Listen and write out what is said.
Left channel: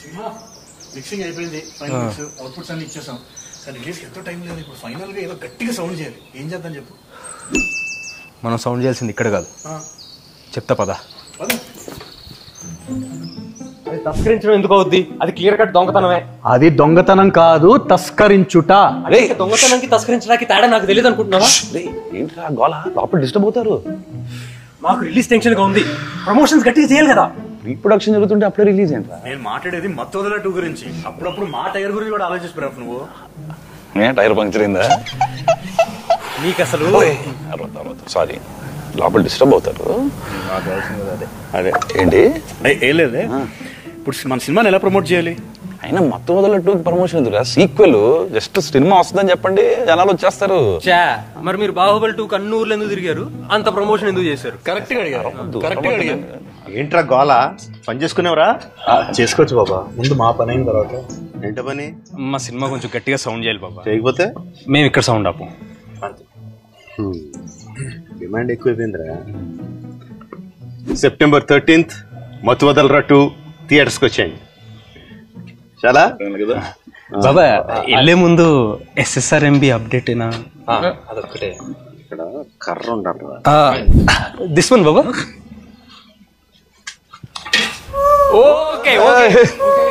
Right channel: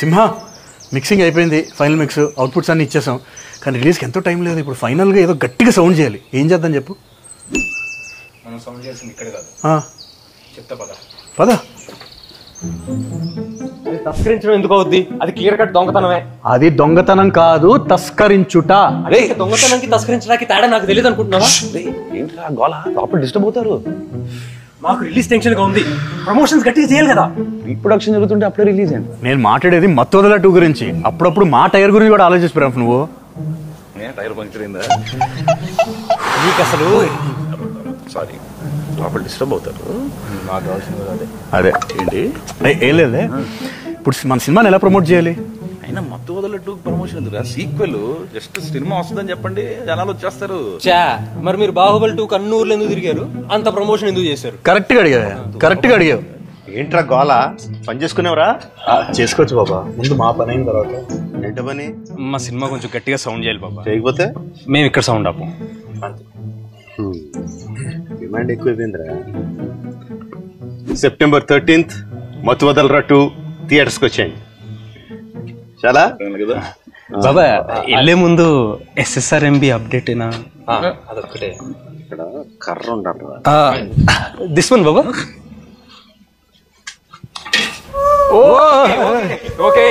సింహ mixing అయిపోయింది, final mix outputs అన్ని ఇచ్చేసాం. కానీ రిలీజ్కి ఎంతో టైం లేదు. ఇప్పుడు ఫైనల్గా ఏదో గట్టిగా సౌండ్ చేయాలి. ఏం చేద్దాం చెప్పు? మనం సౌండ్ చేయాల్సింది ఇక్కడ కాదు, చెప్తా పద. అది తస్కరించడం ఎందుకు అవుద్ది? అది క్లియర్ కట్ దొంగతనమే. అది దొంగతనం కాదు, తస్కరించుట. అదే దొంగతనానికి తస్కరించడానికి తేడా నాకు తెలియదు అనుకుంటున్నావా? ఏంట్రా గోలా, లోపల డిస్టర్బ్ అవుతారు. మాకు రిలీజ్ టెన్షన్ గా ఉంది, ప్రమోషన్స్ గట్టిగా చేయాలి కదా. రీప్రొడక్షన్ జరుగుతుంటే అప్పుడే రిలీజ్ ఏంట్రా? నేను మాట్లాడేది మత్తోదల 2 గురించి. అప్పుడప్పుడు మా టైర్ గురించి కూడా ఆలోచిస్తున్నావు నువ్వు. టైర్ పంక్చర్ అయిందా? నీకు అసలు సారీ, లోపల డిస్టర్బ్ అవుతారు. అదే ఏంటి ఏం లేదే. ఇప్పుడు మన సినిమాని ఎలా ప్రమోట్ చేయాలి? అయినా మొత్తం వదలట్టు ప్రమోషన్ ఎందుకు? సీక్వెల్ జస్ట్ సినిమా వస్తుందని చెప్పండి, జనాలు వచ్చేస్తారు. మరి మీరు బాహుబలి 2 కన్నూరులో ఎందుకు తిరిగారు? అంత ప్రమోషన్ ఎందుకు చేశారు? కరెక్ట్ గా అడిగావు. ఓకే